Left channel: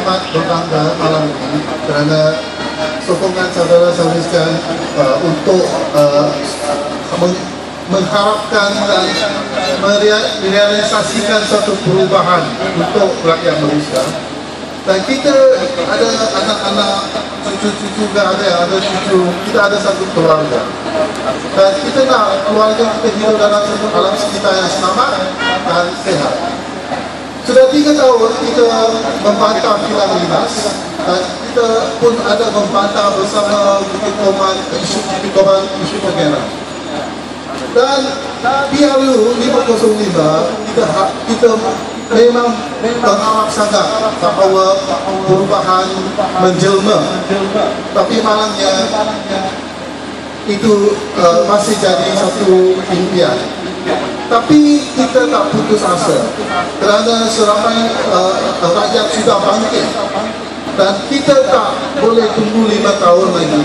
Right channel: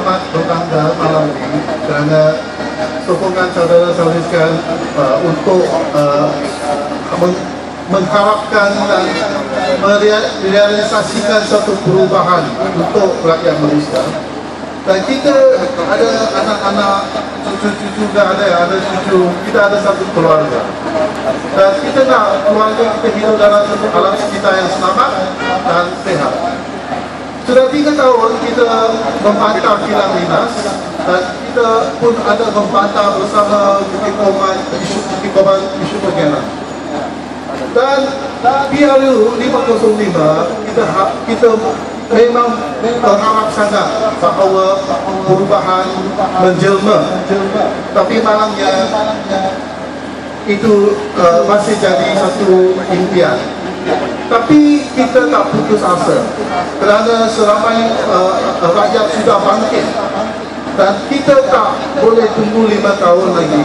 amat berbangga malam ini kerana sokongan saudara-saudara sekalian untuk mengharapkan dan merealisasikan suatu perubahan untuk rakyat Malaysia. Dan kita ada anak-anak, cucu-cucu juga ada cucu, kita ada satu keluarga. Dan kita nak keluarga kita hidup dalam satu alam sekitar yang selamat dan sehat. Sudah 3 tahun kita membantah kilang Linas dan kita pun ada membantah bersama Bukit Koman, isu penjara. Dan PRU 505 kita memang berharap sangat bahawa perubahan menjelma, tapi malangnya itu masih jadi satu impian. Tapi kita tak putus asa kerana seramai rakyat sudah bangkit dan kita tak boleh tunggu 5 tahun lagi.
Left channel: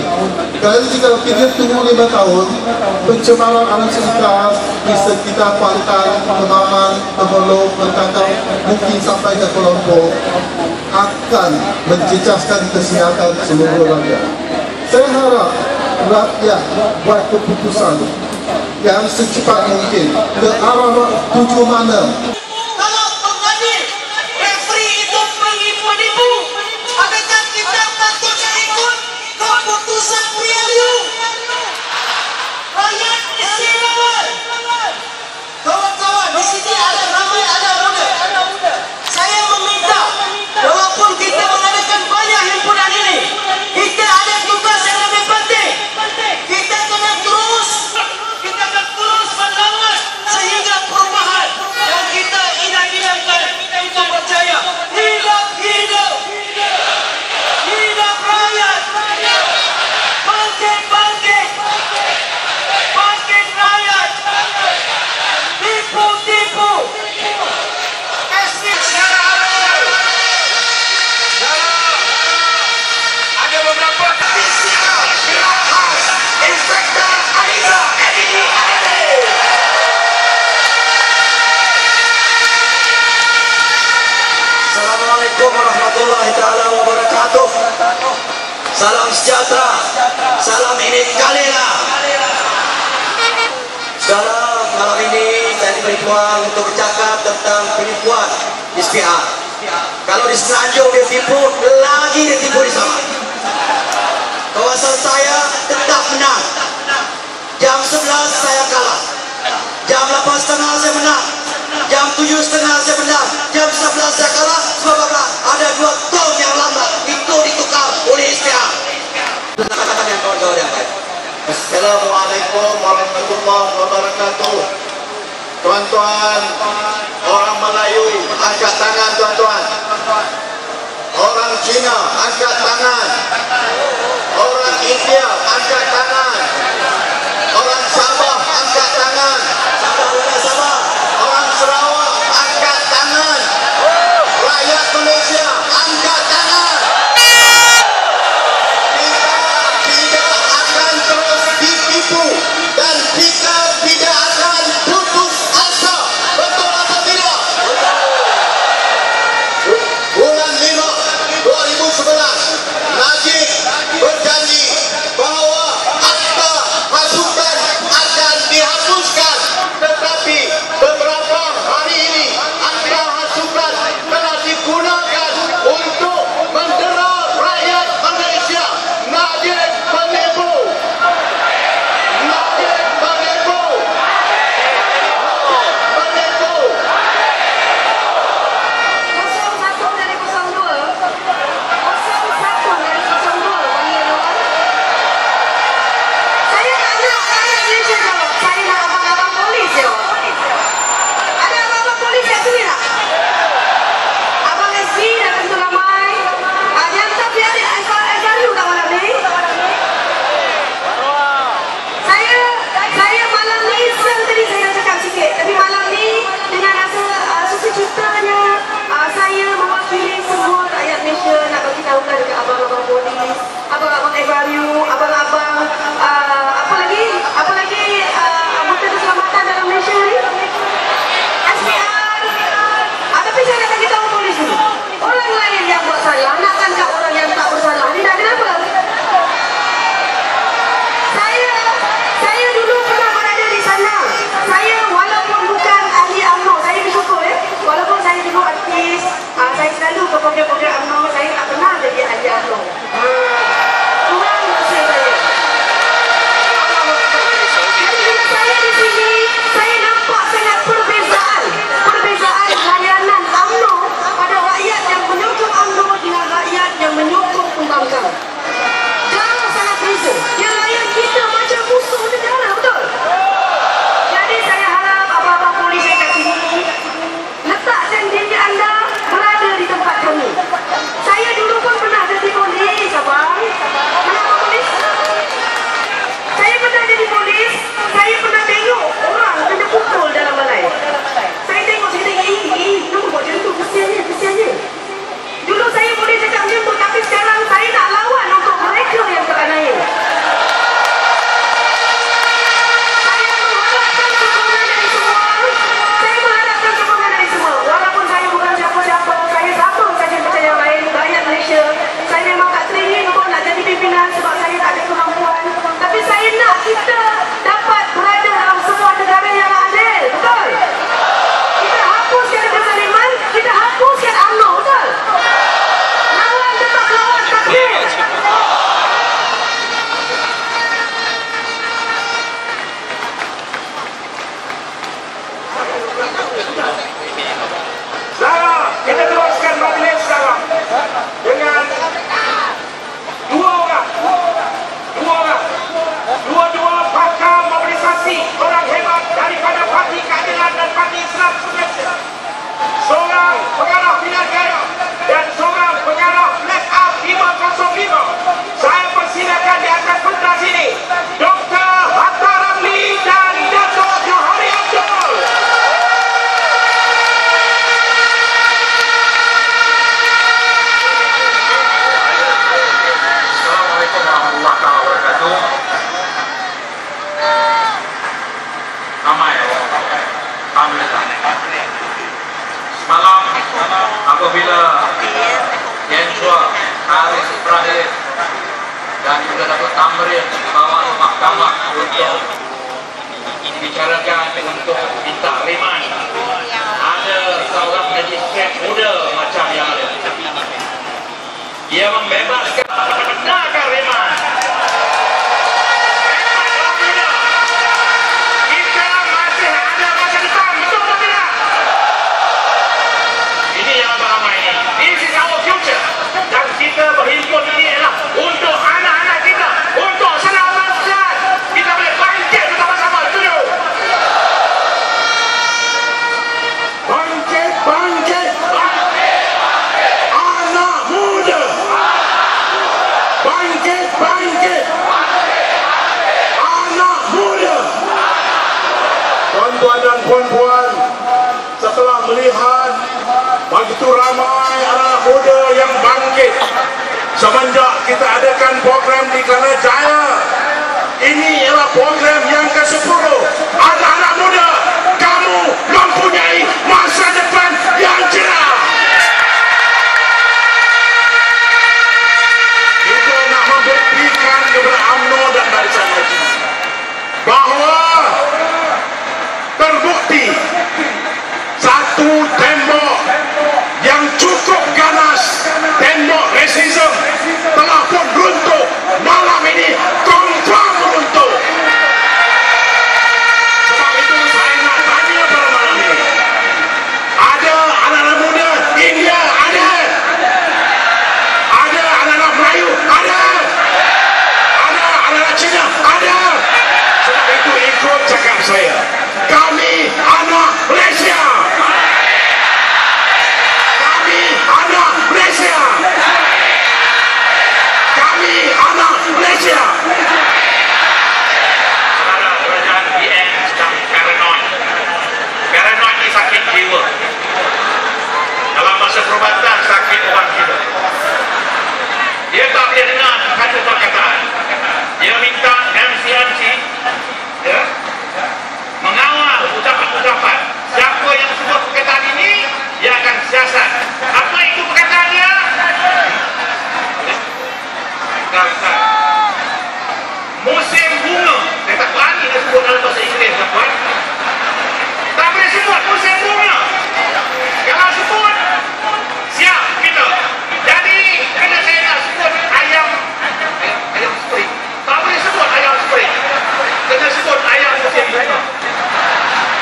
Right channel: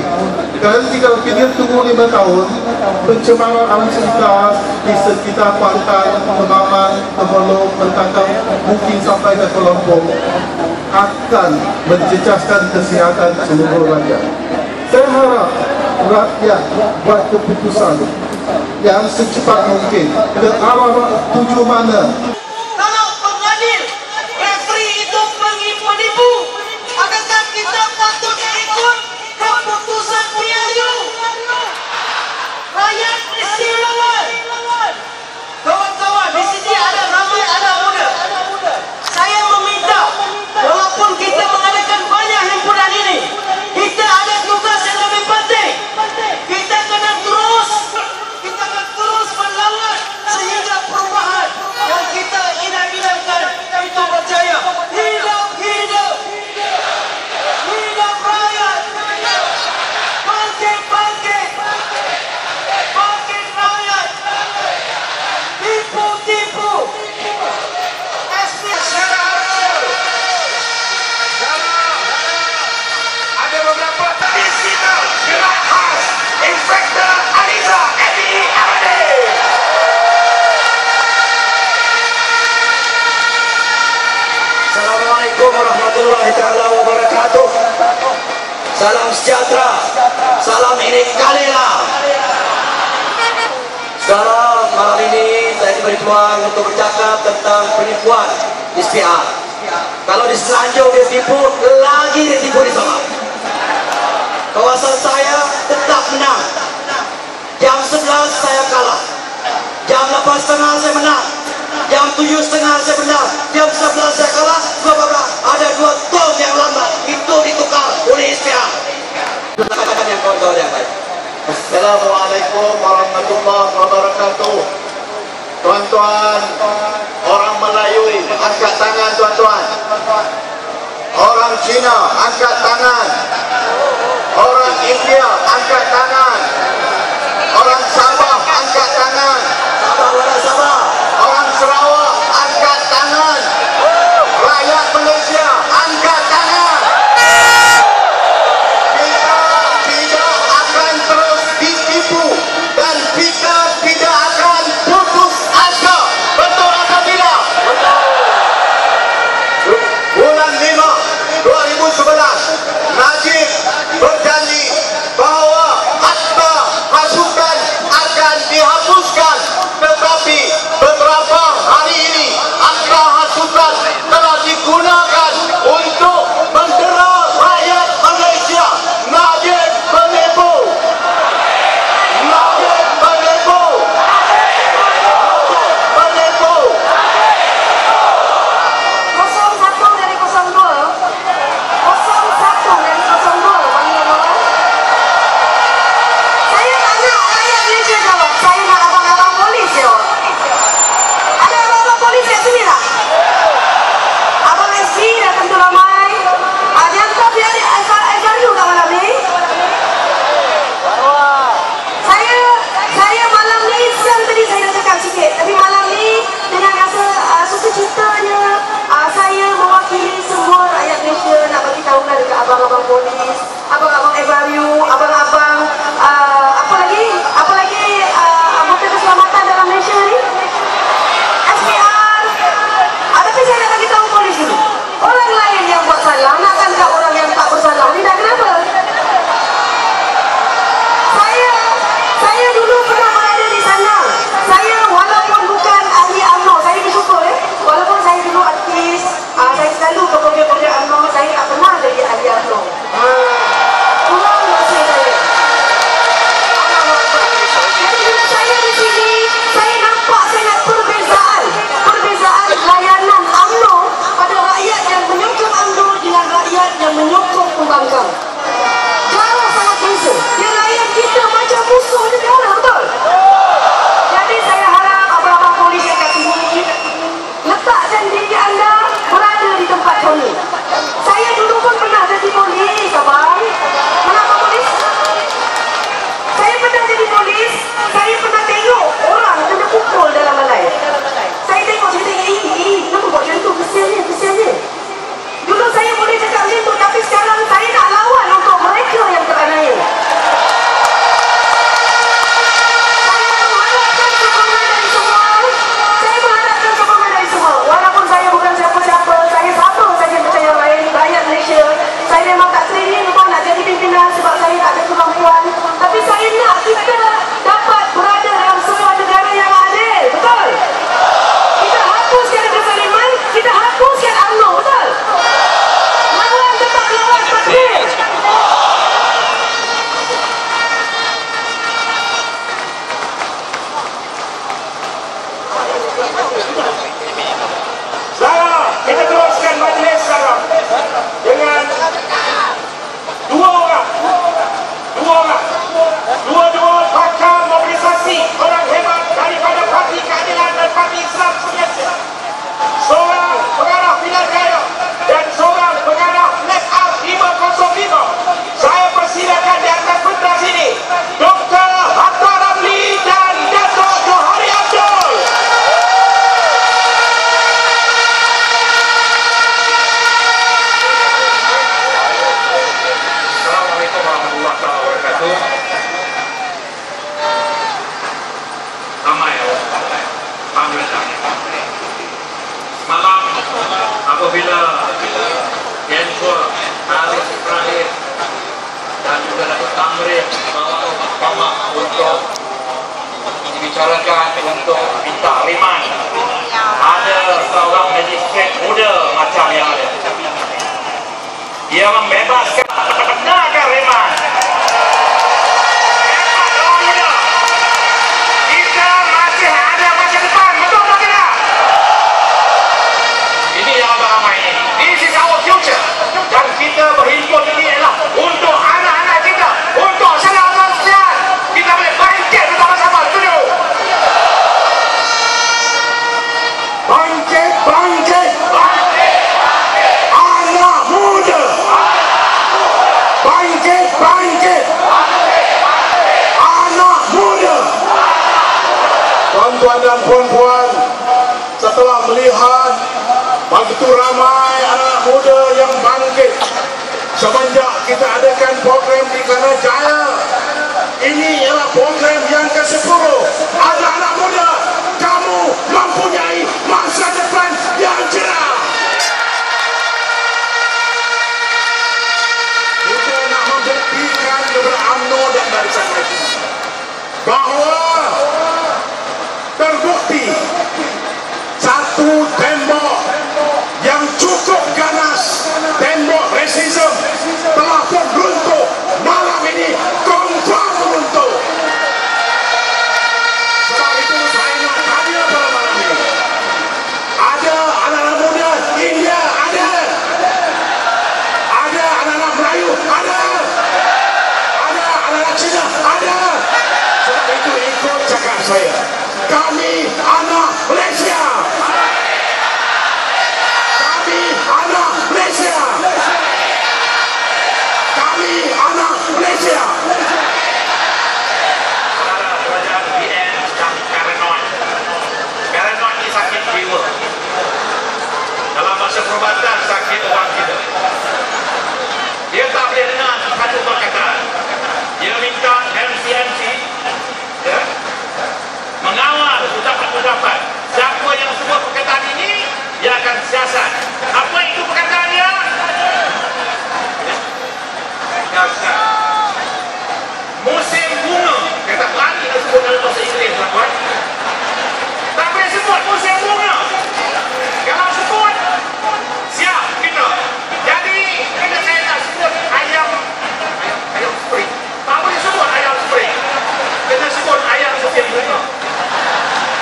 Kerana jika kita tunggu 5 tahun, pencemaran alam sekitar di sekitar Kuantan, Kemaman, Temelong, Mentangkap, mungkin sampai ke Kuala Lumpur akan menjejaskan kesihatan seluruh rakyat. Saya harap rakyat buat keputusan yang secepat mungkin ke arah tuju mana. Kalau pengadil, referee itu penipu, adakah kita patut ikut keputusan PRU? Rakyat istirahat. Kawan-kawan, di sini ada ramai anak muda. Saya meminta, walaupun kita mengadakan banyak himpunan ini, kita ada tugas yang lebih penting. Kita akan terus berlawan sehingga perubahan yang kita idam-idamkan itu berjaya. Hidup rakyat. Bangkit rakyat. Tipu. Ada beberapa additional gerak khas Inspektor Aliza Edini Abadi. Assalamualaikum warahmatullahi taala wabarakatuh. Salam sejahtera. Salam ini kalilah. Sekarang malam ini saya diberi peluang untuk bercakap tentang penipuan SPR. Kalau di Selanjung dia tipu, lagi dia tipu di sana. Kawasan saya tetap menang. Jam 11 saya kalah. Jam 8.30 saya menang. Jam 7.30 saya menang. Jam 11 saya kalah. Sebab apa? Ada 2 tong yang lambat. Itu ditukar oleh SPR. Yang kawan-kawan yang baik. Assalamualaikum warahmatullahi wabarakatuh. Tuan-tuan, orang Melayu angkat tangan tuan-tuan. Orang Cina angkat tangan. Orang India angkat tangan. Orang Sabah angkat tangan. Sabah. Orang Sarawak angkat tangan. Rakyat Malaysia angkat tangan. Kita tidak akan terus ditipu dan kita tidak akan putus asa. Betul atau tidak? Betul. Bulan 5 2011 Najib berjanji bahawa akta hasutan akan dihapuskan, tetapi beberapa hari ini akta hasutan telah digunakan untuk mendera rakyat Malaysia. Najib penipu. Najib penipu. Penipu. 01 dari 02, 01 dari 02 panggil kawan. Saya tak nak rakyat Malaysia jawab, saya nak abang-abang polis jawab. Ada abang-abang polis kat sini tak? Abang SC dah tentu ramai. Yang tak biar Aizariu tak malam ni? Saya malam ni, siang tadi saya dah cakap sikit, tapi malam ni dengan rasa sukacitanya saya mewakili semua rakyat Malaysia nak bagi tahulah dekat abang-abang polis, abang-abang Aizariu, abang-abang apa lagi anggota keselamatan dalam Malaysia ni, SPR. Tapi saya nak bagi tahu polis dulu, orang lain yang buat salah pemerintah. Malam apabila Yensua, Haris Ibrahim dan juga Datuk Tamrin bawa ke mahkamah untuk dibicarakan untuk minta reman, ada seorang magistrat muda macam yang ada, dia membebaskan, benarkan reman. This is our future. Dan kita berhimpun ini adalah untuk anak-anak kita, untuk saudara-saudara. Kita boleh bangkit bersama-sama. Setuju? Bangkit, bangkit, bangkit, bangkit. Anak muda. Bangkit, bangkit, bangkit, bangkit. Anak muda. Tuan-tuan dan puan-puan, setelah melihat begitu ramai anak muda yang bangkit semenjak kita adakan program di Kanajaya, ini ialah program yang ke-10. Anak-anak muda, kamu mempunyai masa depan yang cerah. Kita nak membuktikan kepada UMNO dan barisan lagi bahawa terbukti satu tembok yang cukup ganas, tembok rasisme telah pun runtuh. Malam ini confirm runtuh. Sebab itu saya nak tanya pada malam ini, ada anak-anak muda India? Ada anak-anak Melayu? Ada anak-anak Cina? Ada. Sebab itu ikut cakap saya, kami anak Malaysia. Anak Malaysia. Kami anak Malaysia. Saudara, kerajaan PN sedang paranoid. Paranoid ini sakit jiwa. Dalam masa perubatan sakit orang kita. Dia tak boleh dengar satu perkataan. Dia minta MCMC ya, mengawal ucapan-ucapan. Siapa yang sebut perkataan ini, dia akan siasat. Apa itu perkataan dia? Kata musim bunga. Saya tak berani nak sebut dalam bahasa Inggeris, tuan-tuan. Tak boleh sebut musim bunga. Kalau sebut, siap kita. Jadi bila saya nak sebut ayam spring, tak boleh sebut ayam spring. Kena sebut ayam musim bunga.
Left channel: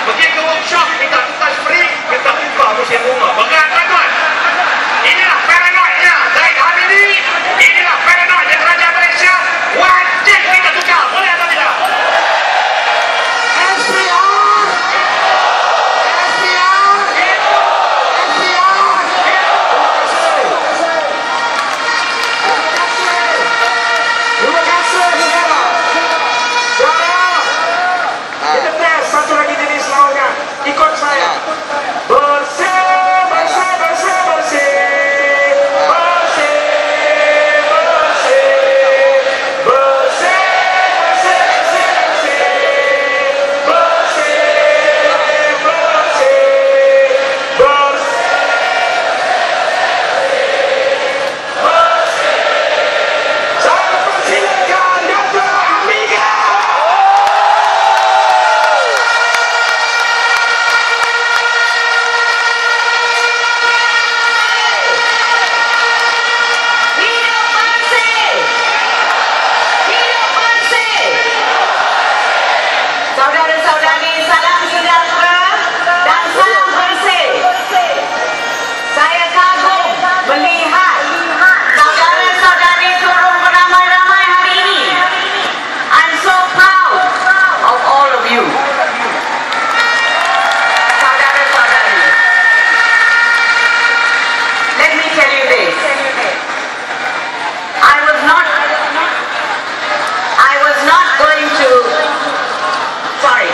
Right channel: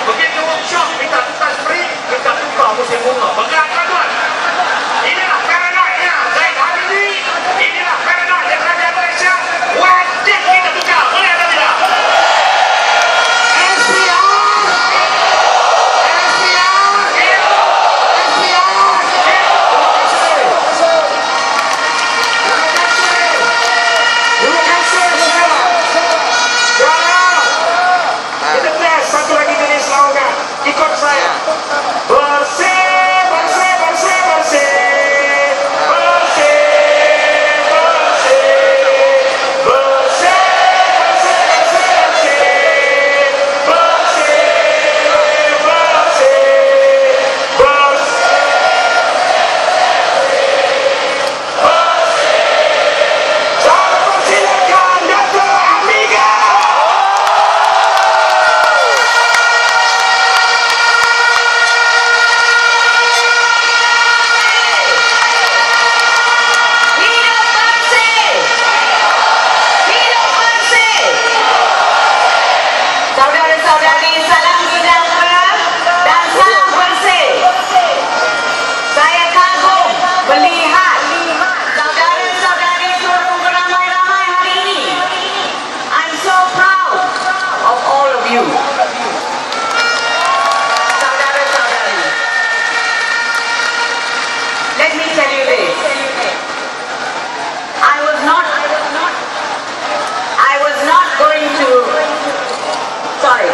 Pergi ke workshop, minta tukar spring, minta tukar musim bunga. Berat, tuan-tuan. Inilah paranoidnya Zaid Hamidi. Inilah paranoidnya kerajaan Malaysia. Wajib kita tukar. Boleh atau tidak? SPR. Terima kasih, saudara. Kita tes satu lagi jenis slogan. Ikut saya. Bersih, bersih, bersih, bersih. Bersih, bersih. Bersih, bersih, bersih, bersih. Bersih, bersih. Bersih. Saya persilakan Dr. Amiga. Hidup bersih! Hidup bersih! Saudara-saudari, salam sejahtera dan salam bersih. Saya kagum melihat saudara-saudari turun beramai-ramai hari ini. I'm so proud of all of you. Saudara-saudari, let me tell you this. I was not going to, sorry.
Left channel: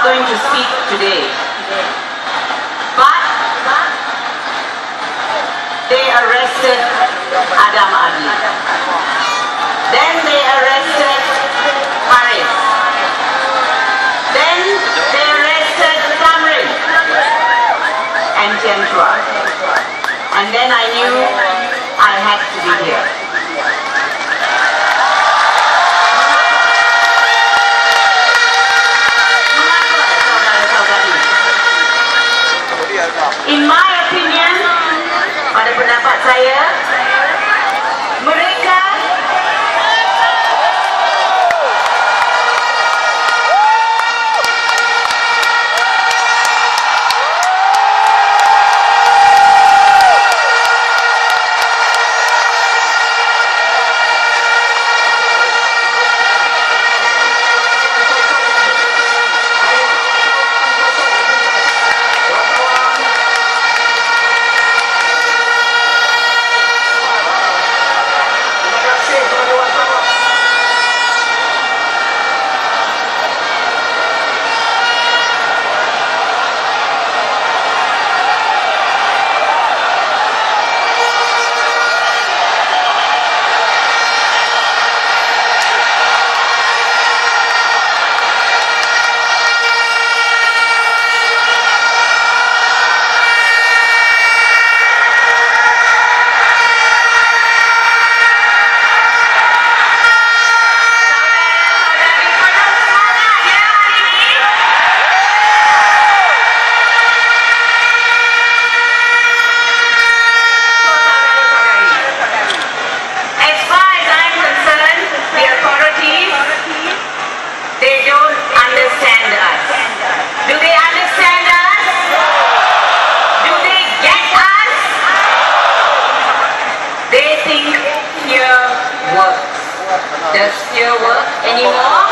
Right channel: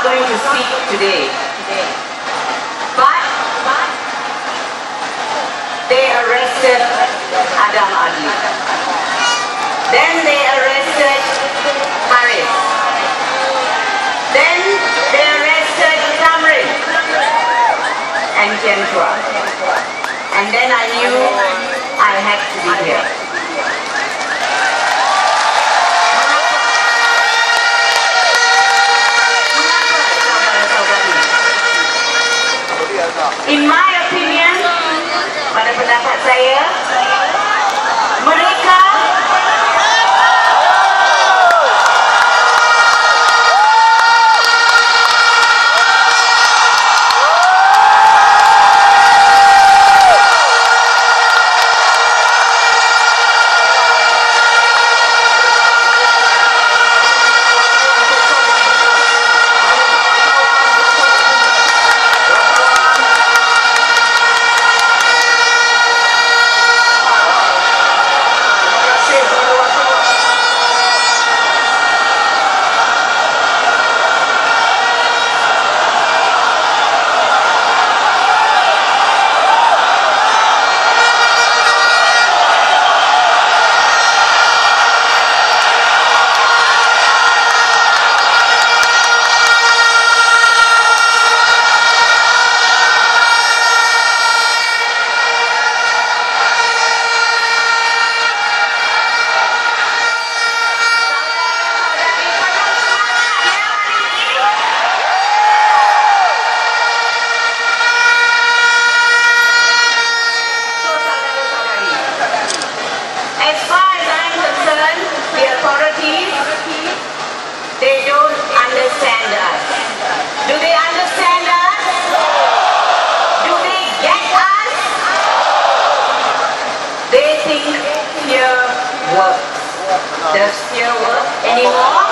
not going to speak today. But they arrested Adam Adli. Then they arrested Haris. Then they arrested Tamrin and Kendra. And then I knew I had to be here. In my opinion, pada pendapat saya, mereka they don't understand us. Do they understand us? Do they get us? They think fear works. Does fear work anymore?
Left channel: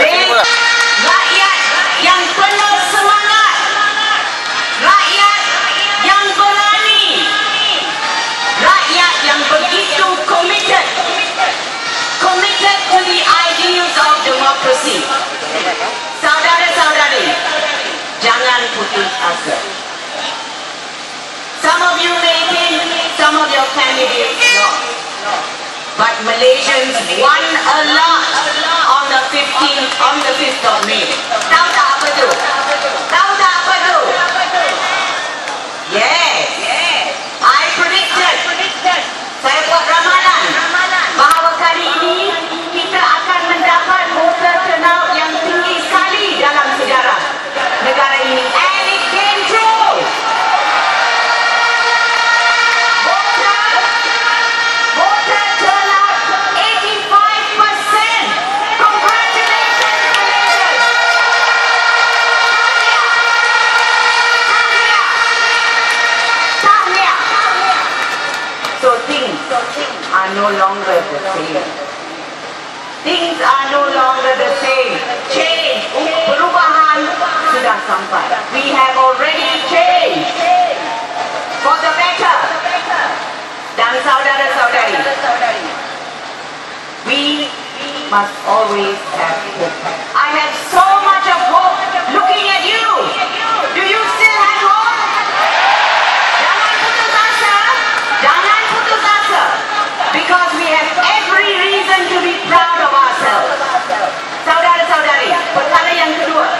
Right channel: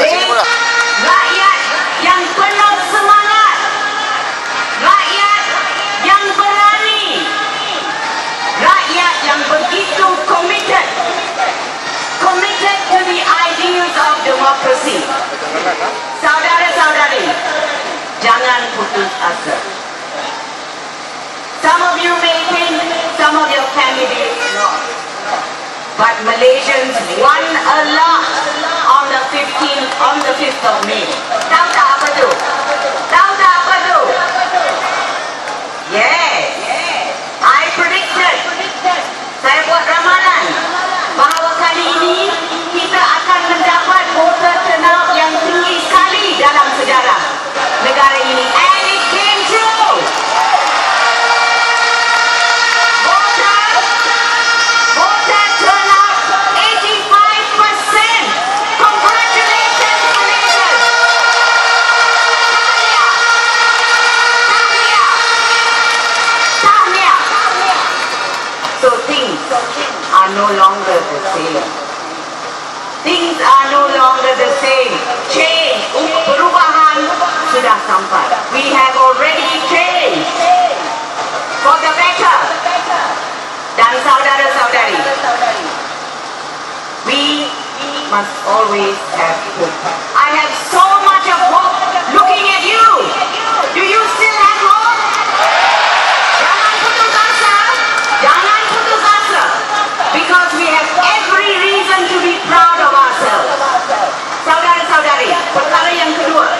Tidak. Rakyat yang penuh semangat, rakyat yang berani, rakyat yang begitu committed to the ideals of democracy. Saudara-saudari, jangan putus asa. Some of you may think some of your candidates lost, but Malaysians won a lot on the 5th of May. Tahu tak apa tu? Tahu tak apa tu? Yes, I predicted. Saya buat ramalan bahawa kali ini kita akan mendapat voter turnout yang tinggi sekali dalam sejarah negara ini. And it came true. Voter turnout 85%. Congratulations, Malaysians. Tahniah. So things are no longer the same. Things are no longer the same. Change, perubahan sudah sampai. We have already changed for the better. Dan saudara-saudari, we must always have hope. I have so much of hope looking at you. Do you still have hope? Jangan putus asa. Jangan putus asa. Because we have every reason to be proud of ourselves. Saudara-saudari, perkara yang kedua,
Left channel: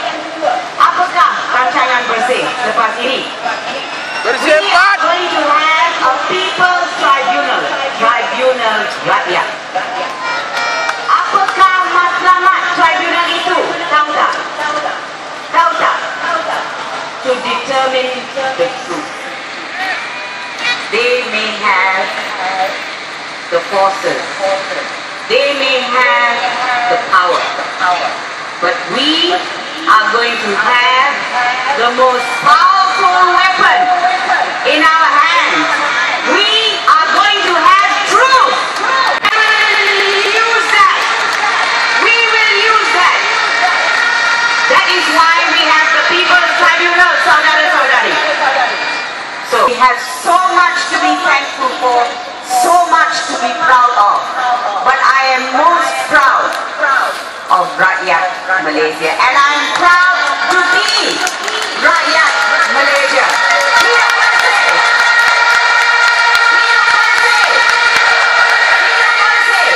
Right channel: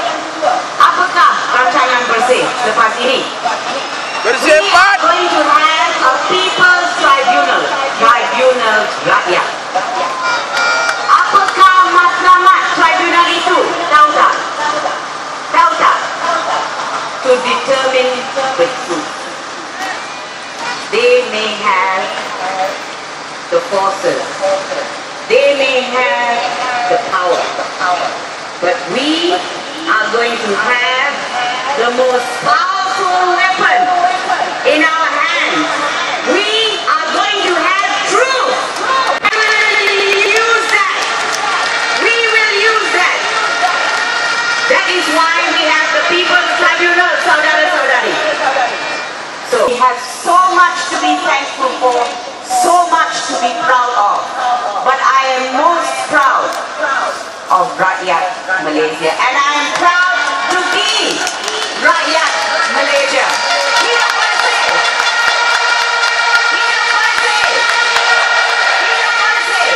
apakah rancangan bersih lepas ini? We are going to have a people's tribunal, tribunal rakyat. Apakah matlamat tribunal itu? Tahu tak? Tahu tak? To determine the truth. They may have the forces. They may have the power. But we are going to have the most powerful weapon in our hands. We are going to have truth. We will use that. We will use that. That is why we have the People's Tribunal, saudara-saudari. So we have so much to be thankful for, so much to be proud of. But I am most proud of rakyat Malaysia, and I'm proud to be rakyat Malaysia. Hidup bersih! Hidup bersih! Hidup bersih!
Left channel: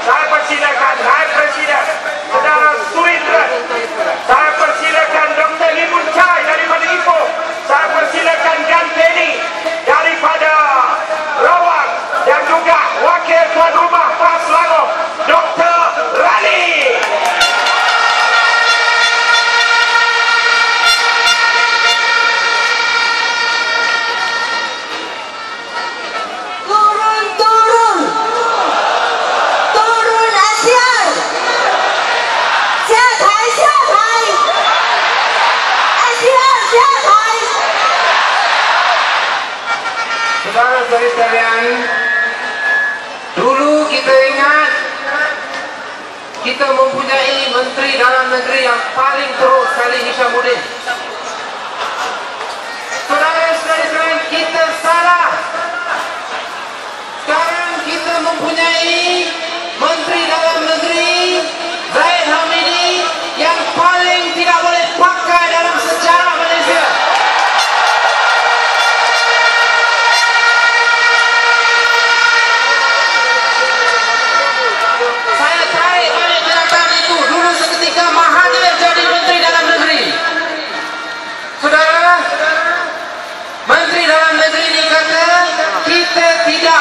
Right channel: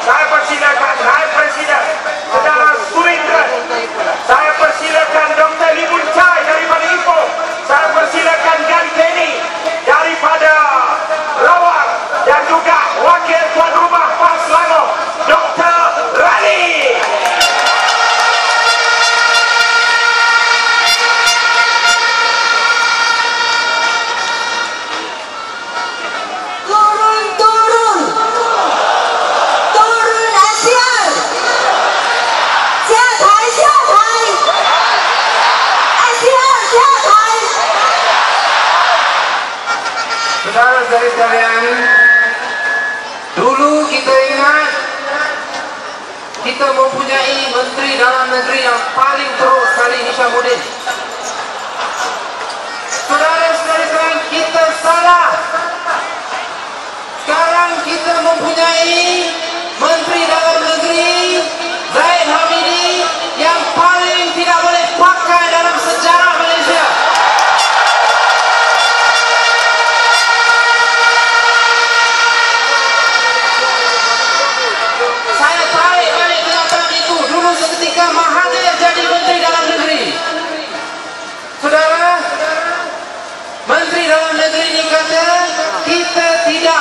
Saya persilakan Naib Presiden Saudara Surindra. Saya persilakan Dr. Limun Chai daripada Ipoh. Saya persilakan Gan Penny daripada Rawang, dan juga Wakil Tuan Rumah PAS Selangor Dr. Rani. Saudara-saudari sekalian, dulu kita ingat kita mempunyai Menteri Dalam Negeri yang paling teruk sekali, Hishamuddin. Saudara-saudari sekalian, kita salah. Sekarang kita mempunyai Menteri Dalam Negeri Zahid Hamidi yang paling tidak boleh pakai dalam sejarah Malaysia. Saya tarik balik kenyataan itu. Dulu seketika Mahathir jadi Menteri Dalam Negeri. Saudara, Menteri Dalam Negeri ini kata kita tidak